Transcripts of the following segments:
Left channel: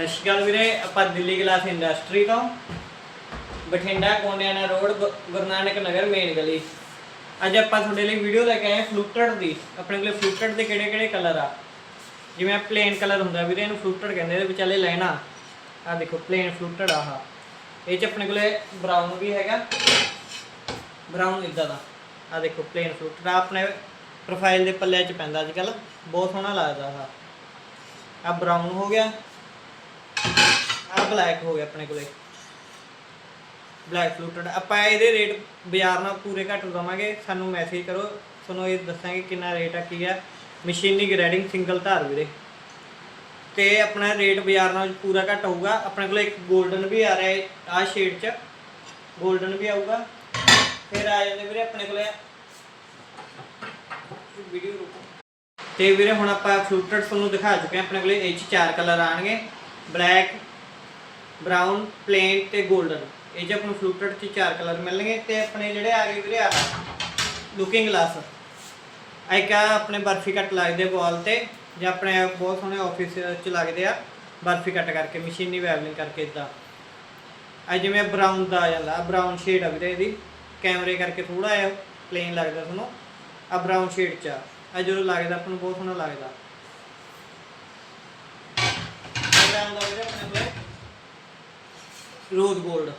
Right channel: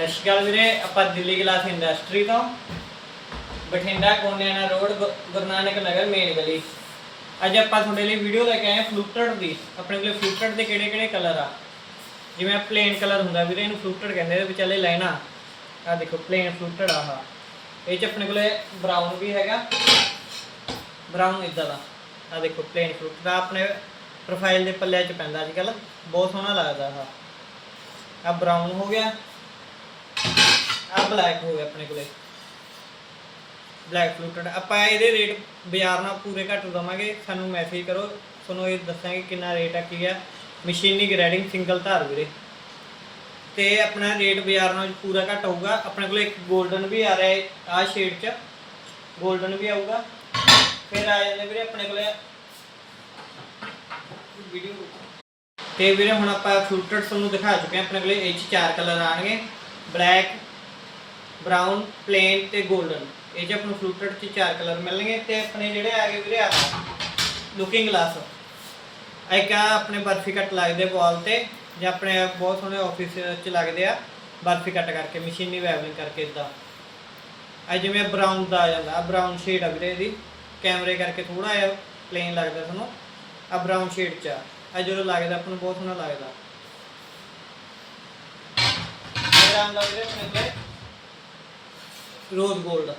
ਸਤਿ ਸ਼੍ਰੀ ਅਕਾਲ ਵੀਰੇ, ਆਪਾਂ ਦਿੱਲੀ ਗਲਾਸ ਇੰਡਸਟਰੀ ਤੋਂ। ਬਠਿੰਡਾ ਕੋਨਿਆਣਾ ਰੋਡ, ਗੁ- ਗੁਰੂ ਨਾਨਕ ਨਗਰ, ਮੇਨ ਗਲੀ। ਅੱਜ ਆਪਾਂ ਤੁਹਾਡੇ ਲਈ ਵੀਡੀਓ ਲੈ ਕੇ ਆਏ ਫਲੂਟਡ ਦੀ। ਆਪਣੇ ਕੋਲ ਫਲੂਟਡ ਦੇ ਕਿਹੜੇ ਕਿਹੜੇ ਕਲਰ ਆ? ਜਿਵੇਂ ਪਲੇਨ ਕਲਰ ਹੁੰਦਾ ਵੀਰੇ, ਇਹਨੂੰ ਫਲੂਟਡ ਕਹਿੰਦੇ ਇਹਦੇ ਵਿਚਾਲੇ ਲੈਣਾ। ਆ ਦੇਖੋ ਪਲੇਨ ਫਲੂਟਡ ਆਹ। ਇਹ ਚ ਆਪਣੇ ਕੋਲੇ ਬਰਾਊਨ ਵੀ ਹੈਗਾ। ਬਰਾਊਨ ਇਦਾਂ ਦਾ। ਆ ਦੇਖੋ ਪਲੇਨ ਫਲੂਟਡ ਆ ਆਪਣੇ ਪ੍ਰੋਫਾਈਲ ਦੇ ਪੱਲੇ 'ਚ ਪੈਂਦਾ ਅੱਜ ਕੱਲ ਬਹੁਤ ਸੋਹਣਾ ਲੱਗਦਾ ਆਹ। ਆ ਬਰਾਊਨ ਹੋ ਗਿਆ। ਆ ਬਲੈਕ ਹੋ ਗਿਆ ਆਪਣੇ ਕੋਲੇ। ਬਲੈਕ ਫਲੂਟਡ ਆਪਾਂ ਇਹਦੇ ਰੇਟ ਬਾਜ਼ਾਰ ਨਾਲ ਪੂਰੇ ਘੱਟ ਦਵਾਂਗੇ। ਸਾਨੂੰ ਮੈਸੇਜ ਕਰੋ। ਤੁਹਾਨੂੰ ਇਹ ਦੱਸਾਂਗੇ ਕਿੰਨਾ ਰੇਟ ਆ, ਕੀ ਆ। ਮਸ਼ੀਨੀ ਗ੍ਰੈਡਿੰਗ ਸਿੰਗਲ ਧਾਰ ਵੀਰੇ। ਤੇ ਆਪਣਾ ਰੇਟ ਬਾਜ਼ਾਰ ਨਾਲ ਪੂਰਾ ਘੱਟ ਹੋਊਗਾ ਆਪਣੇ ਕੋਲ ਇੱਕ 골ਡਨ ਵੀ ਆ ਰਿਹਾ ਹੈ ਆਹ ਸ਼ੇਡ 'ਚ। 골ਡਨ ਵੀ ਆਊਗਾ। ਫਿਰ ਆ ਜਾਂਦੇ ਵੀਰੇ ਆਪਣੇ ਕੋਲੇ। ਵੀਡੀਓ ਰੁਕੋ। ਤੇ ਵੀਰੇ ਹੁਣ ਆਪਾਂ ਫਲੂਟਡ ਤੁਹਾਨੂੰ ਦਿਖਾ ਚੁੱਕੇ ਹਾਂ। ਆਪਣੇ ਕੋਲੇ ਇਹ 'ਚ ਚਾਰ ਕਲਰ ਆਣਗੇ ਬਲੈਕ ਬਰਾਊਨ ਪਲੇਨ ਤੇ 골ਡਨ ਇਹ 'ਚ ਆਪਾਂ ਨੂੰ ਫਲੂਟਡ 'ਚ ਚਾਰ ਕਲਰ ਮਿਲਣਗੇ ਤੇ ਆਪਣੇ ਜਿਹੜੇ ਆ ਗਏ ਵੀਰੇ ਆ ਲੁਕਿੰਗ ਗਲਾਸ ਇੱਕ ਆ ਆਪਣੇ ਬਰਫੀ ਕੱਟ ਲੱਗਦੇ ਵਾਲ ਤੇ, ਜਾਂ ਆਪਣੇ ਬਹੁਤ ਸੋਹਣੇ ਆਫਿਸ 'ਚ ਲੱਗਦੇ ਆ, ਬਰਫੀ ਕੱਟ ਕਰਕੇ ਮਸ਼ੀਨੀ ਵੈਵਲਿੰਗ ਕਰਕੇ ਇਦਾਂ ਆ ਜਿਵੇਂ ਬਰਾਊਨ ਦਾ ਆ ਜਾਂਦਾ ਬਰਾਊਨ ਸ਼ੇਡ ਆ ਵੀਰੇ ਇਹਦੀ। ਕੈਮਰੇ ਕਰਕੇ ਥੋੜਾ ਜਿਹਾ ਪਲੇਨ ਲੱਗਦਾ ਤੁਹਾਨੂੰ। ਆ ਬਰਾਊਨ ਸ਼ੇਡ 'ਚ ਆ। ਜਦੋਂ ਲੱਗਦਾ, ਆਪਾਂ ਨੂੰ ਬਹੁਤ ਸੋਹਣਾ ਲੱਗਦਾ। ਇਹ ਆਉਂਦਾ ਵੀਰੇ ਆਪਣੇ ਕੋਲੇ ਰੋਜ਼ 골ਡ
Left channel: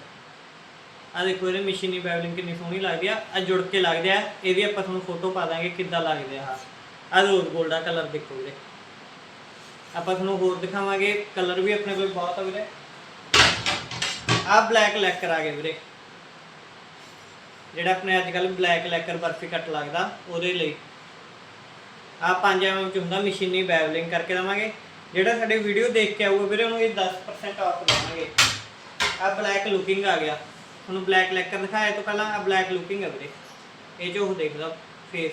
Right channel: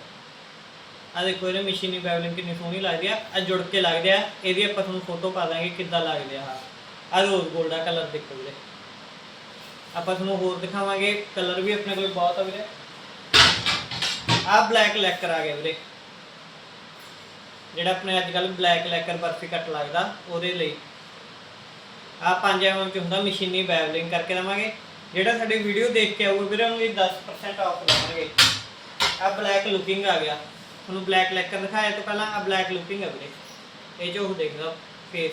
ਆ ਦੇਖੋ, ਇਹਦੇ ਮਸ਼ੀਨੀ ਬੈਵਲਿੰਗ ਕਿੰਨੀ ਸੋਹਣੀ ਲੱਗਦੀ ਆ। ਆ ਜੁੜ ਕੇ ਲੱਗਦੇ ਆ ਇਹਦੀ ਆਪਾਂ ਤੁਹਾਨੂੰ ਫੋਟੋ ਪਾ ਦਾਂਗੇ ਕਿੱਦਾਂ ਲੱਗਦੇ ਆ ਆ ਰੋਜ਼ 골ਡ ਆ, ਕਲਰ ਦੇਖੋ ਵੀਰੇ। ਆਪਾਂ ਤੁਹਾਨੂੰ ਹੋਰ ਦਿਖਾਵਾਂਗੇ। ਕਲਰ ਵੀ ਆਪਣੇ ਕੋਲ ਬਹੁਤ ਆ ਵੀਰੇ। ਆ ਬਲੈਕ ਲੈਕਰ ਆ ਗਿਆ ਵੀਰੇ। ਜਿਹੜਾ ਆਪਣੇ ਅੱਜ ਕੱਲ ਬਲੈਕ ਲੈਕਰ ਬਰਫੀ ਕੱਟ ਲੱਗਦਾ, ਉਹਦੇ ਲਈ। ਆ 5 ਐਮ ਚ ਹੁੰਦਾ, ਮਸ਼ੀਨੀ ਬੈਵਲਿੰਗ ਕਰਕੇ ਦਵਾਂਗੇ। ਜਿਹੜਾ ਸਾਡੀ ਵੀਡੀਓ ਦੇਖ ਕੇ ਆਊਗਾ ਵੀਰੇ, ਉਹਨੂੰ ਇਹ 10% ਆਫ ਦਵਾਂਗੇ। ਆ ਬਲੈਕ ਲੁਕਿੰਗ ਆ ਗਿਆ। ਤੁਹਾਨੂੰ ਬਲੈਕ ਲੈਕਰ ਦਿਖਾਇਆ ਤੋਂ ਪਹਿਲਾਂ, ਆ ਬਲੈਕ ਲੁਕਿੰਗ ਆ ਵੀਰੇ। ਇਹ ਜੋ ਉਹ ਦੇਖਦਾ ਫੇਸ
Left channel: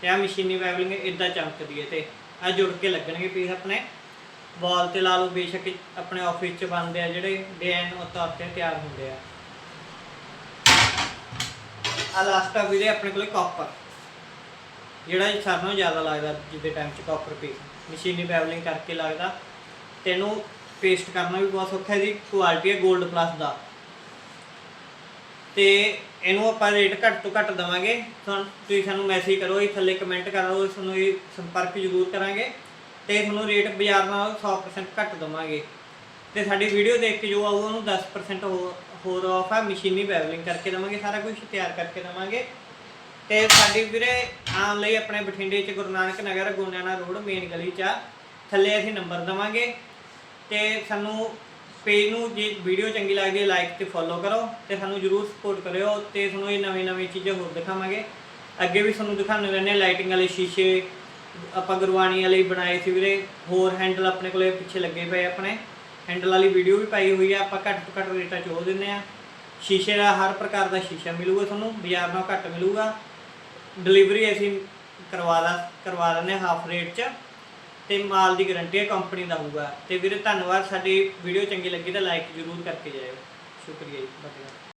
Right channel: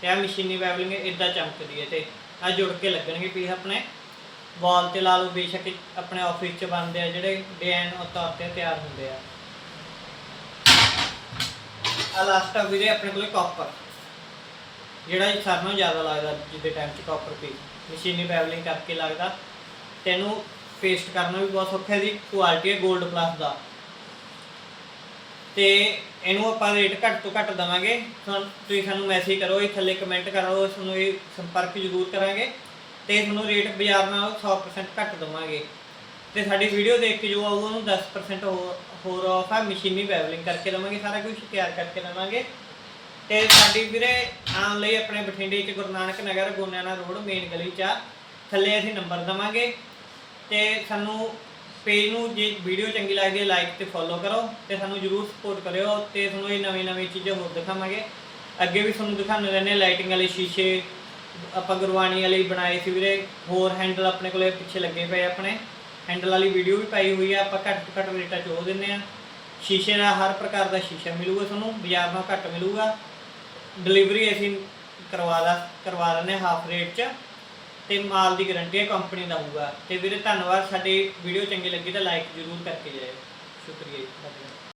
ਤੇ ਆ ਮਸ਼ੀਨੀ ਬੈਵਲਿੰਗ ਇਦਾਂ ਚਮਕਦੀ ਹੈ ਤੇ ਆ ਜੁੜ ਕੇ ਲੱਗਣਗੇ ਪੀਸ ਆਪਣੇ। ਵਾਲ ਤੇ ਲਾ ਲਓ, ਬੇਸ਼ੱਕ ਆਪਣੇ ਆਫਿਸ 'ਚ ਬਣਦੇ ਆ ਜਿਹੜੇ ਡਿਜ਼ਾਈਨ ਤੌਰ ਤੇ ਤਿਆਰ ਹੁੰਦੇ ਆ। ਆ ਲਾਸਟ ਆ ਵੀਰੇ ਆਪਣੇ ਕੋਲੇ ਕਾਪਰ ਜਿਹੜਾ ਇਹ ਸਾਰਿਆਂ ਨਾਲੋਂ ਜ਼ਿਆਦਾ ਲੱਗਦਾ ਜਿਹਦੇ ਟਾਈਮ 'ਚ ਕਾਪਰ ਪੀਸ ਮਸ਼ੀਨੀ ਬੈਵਲਿੰਗ ਕਰਕੇ ਲੱਗਦਾ। ਤੈਨੂੰ ਪੇਸਟ ਕਰਨਾ ਵੀ ਬਹੁਤ ਸੌਖਾ ਹੈ ਦੀ ਕੁਆਲਿਟੀ ਹੈ 골ਡ ਪਲੱਸ ਦਾ। ਤੇ ਇਹਨੂੰ ਆਪਾਂ ਰੇਟ ਘੱਟ ਤੋਂ ਘੱਟ ਦਵਾਂਗੇ। ਤੁਹਾਨੂੰ ਤੁਸੀਂ ਸਾਨੂੰ ਮੈਸੇਜ ਕਰੋ, ਇਹ ਥੱਲੇ ਕਮੈਂਟ ਕਰੋ ਤੁਹਾਨੂੰ ਇਹ ਸੰਪਰਕ ਜ਼ਰੂਰ ਕਰਾਂਗੇ। ਤੇ ਤੁਹਾਨੂੰ ਰੇਟ ਬਾਜ਼ਾਰ ਨਾਲ 100% ਘੱਟ ਦਵਾਂਗੇ। ਤੇ ਸਾਡੀ ਵੀਡੀਓ ਦੇਖ ਕੇ ਜੋ ਆਊਗਾ, ਉਹਨੂੰ 10% ਹੋਰ ਹੋਰ ਆਫ ਆ ਮਸ਼ੀਨੀ ਬੈਵਲਿੰਗ ਕਰਕੇ ਦਵਾਂਗੇ, ਸਾਰਾ ਕੁਝ ਤਿਆਰ ਕਰਕੇ ਦਵਾਂਗੇ। ਤੇ ਸਾਡੀ ਵੀਰੇ, ਆਉਣ ਲਈ ਆਪਣੇ ਬਠਿੰਡੇ ਚ ਗੁਰੂ ਨਾਨਕ ਨਗਰ, ਗੋਨਿਆਣਾ ਰੋਡ ਮੇਨ ਗਲੀ ਚ ਆ। ਥੱਲੇ ਅਸੀਂ ਨੰਬਰ ਦਵਾਂਗੇ। ਤੇ ਸਾਨੂੰ ਪੇਜ ਨੂੰ ਜੇ ਵੀਡੀਓ ਚੰਗੀ ਲੱਗਦੀ ਹੈ ਲਾਈਕ ਤੇ ਫੋਲੋ ਕਰੋ ਤੇ ਸਾਨੂੰ ਜਰੂਰ ਸਪੋਰਟ ਕਰਿਓ ਤੇ ਤੁਹਾਨੂੰ ਇਹ ਨਵੀਂ ਨਵੀਂ ਚੀਜ਼ਾਂ ਹੋਰ ਦਿਖਾਵਾਂਗੇ। ਅੱਗੇ ਵੀ ਤੁਹਾਨੂੰ ਦਿਖਾਉਂਦੇ ਰਹਿੰਦੇ ਲਾਈਟਿੰਗ ਵਾਲੇ ਸ਼ੀਸ਼ੇ ਆਪਾਂ ਗੁਰਬਾਣੀ ਵਾਲੇ ਬਣਾਏ ਸੀ ਵੀਰੇ, ਹੋਰ ਹੈਂਡਲ ਆਪਣੇ ਕੋਲੇ ਪਿੱਛੇ ਲੱਗੇ ਪਏ ਆਪਣੇ। ਹੈਂਡਲ ਵਾਲੀ ਵੀਡੀਓ ਵੀ ਪਾਈ ਹੋਈ ਹੈ, ਆਪਾਂ ਘੱਟ ਤੋਂ ਘੱਟ ਰੇਟਾਂ 'ਚ ਉਹ ਦਿੰਦੇ ਆ ਸ਼ੀਸ਼ੇ ਦਾ ਹਰ ਪ੍ਰਕਾਰ ਦਾ ਸ਼ੀਸ਼ਾ ਮਿਲੂਗਾ ਤੁਹਾਨੂੰ, ਬਾਜ਼ਾਰ ਨਾਲੋਂ ਘੱਟ ਮਿਲੂਗਾ। ਡਿਲੀਵਰੀ ਅਸੀਂ ਕਰਵਾ ਲਾ, ਕਰਵਾ ਦਿੰਦੇ ਹਾਫ ਰੇਟ 'ਚ। ਤੇ ਮਾਲ ਦੀ ਗਾਰੰਟੀ ਹੈ ਕੰਪਨੀ ਦਾ ਹੋਊਗਾ ਤੇ ਵੀਰੇ, ਧੰਨਵਾਦ, ਸਾਡੀ ਵੀਡੀਓ ਚੰਗੀ ਲੱਗੀ ਤਾਂ ਲਾਈਕ ਜ਼ਰੂਰ ਕਰਕੇ ਜਾਇਓ। ਸ਼ੁਕਰੀਆ ਜੀ ਧੰਨਵਾਦ